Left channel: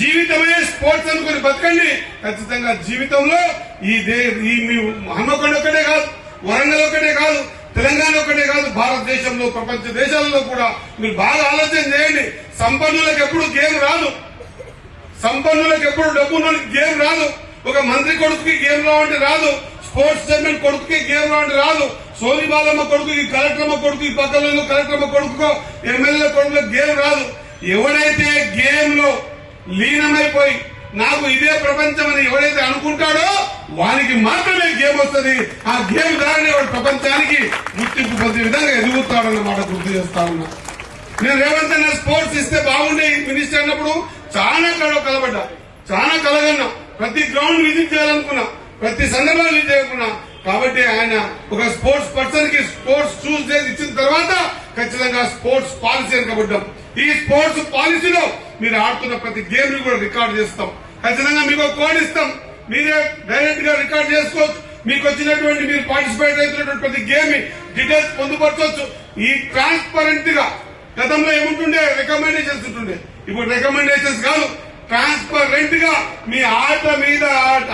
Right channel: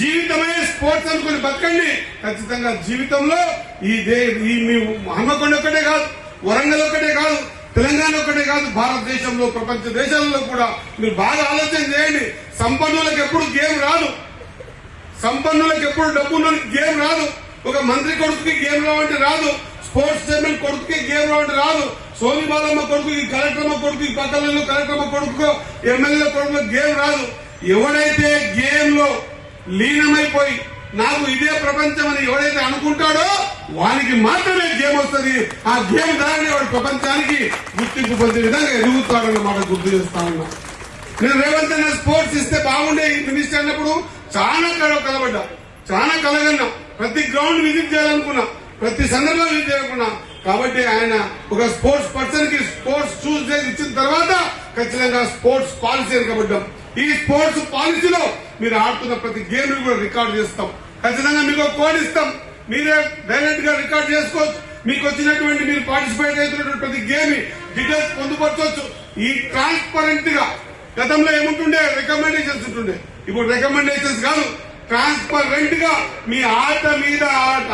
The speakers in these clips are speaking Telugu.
జీవితమే స్పోర్ట్స్ అనుకుని బతకండి. ఖచ్చితంగా జీవితంలో ఈ హన్మకొండ ఒక్కటే కాదు, వరంగల్ ఒక్కటే కాదు, తెలంగాణ ఒక్కటే కాదు, భారతదేశంలో ప్రపంచ దేశాలలో కూడా మీరు బాగా ఆలోచన చేయండి. సంపన్నులకు ఎప్పుడు గేమ్ రాదు, సంపన్నులకు ఎప్పుడు డబ్బున్న గేమ్ రాదు. ఒక మంత్రి కొడుకుకి గేమ్ లో అంటే రాదు, స్పోర్ట్స్ చైర్మన్ కొడుకుకి గేమ్ లో అంటే రాదు, సోని బాలమ్మ కొడుకుకి, కలెక్టర్మ కొడుకు, పక్కన కలెక్టర్మ కొడుకో, ఎమ్మెల్యే కొడుకు గేమ్ రాదు. ఎవడైతే గేమ్ లో లీనమైపోయి నాకు ఇదే ప్రపంచం అని ఎవరైతే అనుకుంటాడో వానికి మాత్రమే గేమ్ వస్తుంది. ఆ గేమ్ ద్వారానే వాడు ప్రపంచానికి గుర్తింపు పొందే విధంగా ఎదుగుతాడన్నమాట గుర్తు చేస్తా ఉన్నా. నేను రేవంత్ అన్న స్పోర్ట్స్ ఇస్తే బాగుండే మినిస్టర్ అన్నప్పుడు చాలా కలబడ్డా, చాలా కలగన్నా, ప్రతి గ్రౌండ్ విజిట్ చేయాలనుకున్నా, ప్రతి సందర్భాన్ని విజిట్ చేయాలనుకున్నా. కాబట్టి ఆయన ఒక స్పోర్ట్స్ పర్సన్ కి స్పోర్ట్స్ షూస్ ఇచ్చిన తర్వాత ఖచ్చితంగా స్పోర్ట్స్ పాలసీ అనుకోబడ్డాం. ఈ స్పోర్ట్స్ పాలసీలో మీరు ఆడుతున్న ప్రతి గేమ్ కూడా రికార్డు చేస్తాం. ఖచ్చితంగా మీకు కోడ్ ఇస్తాం, మీరే డైరెక్ట్ గా రికార్డ్ చేసుకోవచ్చు. మీకు వచ్చినటువంటి మీరు పార్టిసిపేట్ అవుతున్నటువంటి ప్రతి గేమ్ డీటెయిల్స్ పొందుపరచవచ్చు. ఈ ట్రాన్స్పరెంట్ గా గతంలో ఏముంటుండే రికమెండేషన్స్ ఉంటుండే, ఇప్పుడు రికమెండేషన్స్ కాదు, ట్రాన్స్పరెంట్ గా మీ ఆట మీద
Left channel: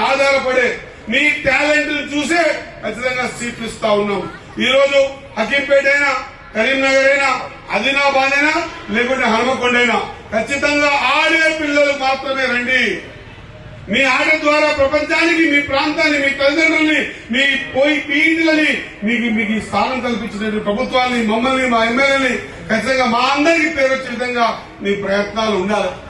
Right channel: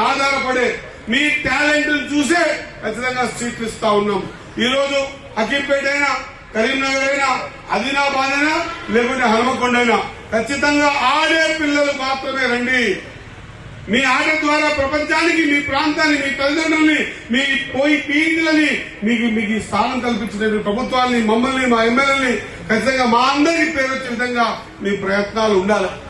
ఆధారపడే మీ టాలెంట్ చూసే ఖచ్చితంగా సీట్లు ఇస్తా ఉన్నాం. ఈ రోజు అఖింపేట అయినా, కరీంనగర్ అయినా, ఆదిలాబాద్ అయినా, లేకుంటే హనుమకొండ అయినా ఖచ్చితంగా ఆడే పిల్లలు మాత్రమే రండి. మీ ఆట ద్వారా ప్రపంచానికి, మీ ప్రాంతాన్ని, మీ తల్లిదండ్రుల్ని, మీ పీడిలని మీకు స్థానం కల్పించిన ప్రభుత్వాన్ని, మమ్మల్ని, మా ఎమ్మెల్యేని ఖచ్చితంగా మా అందరికీ పేరు వచ్చే విధంగా మీ ప్రయత్నాలు ఉండాలి.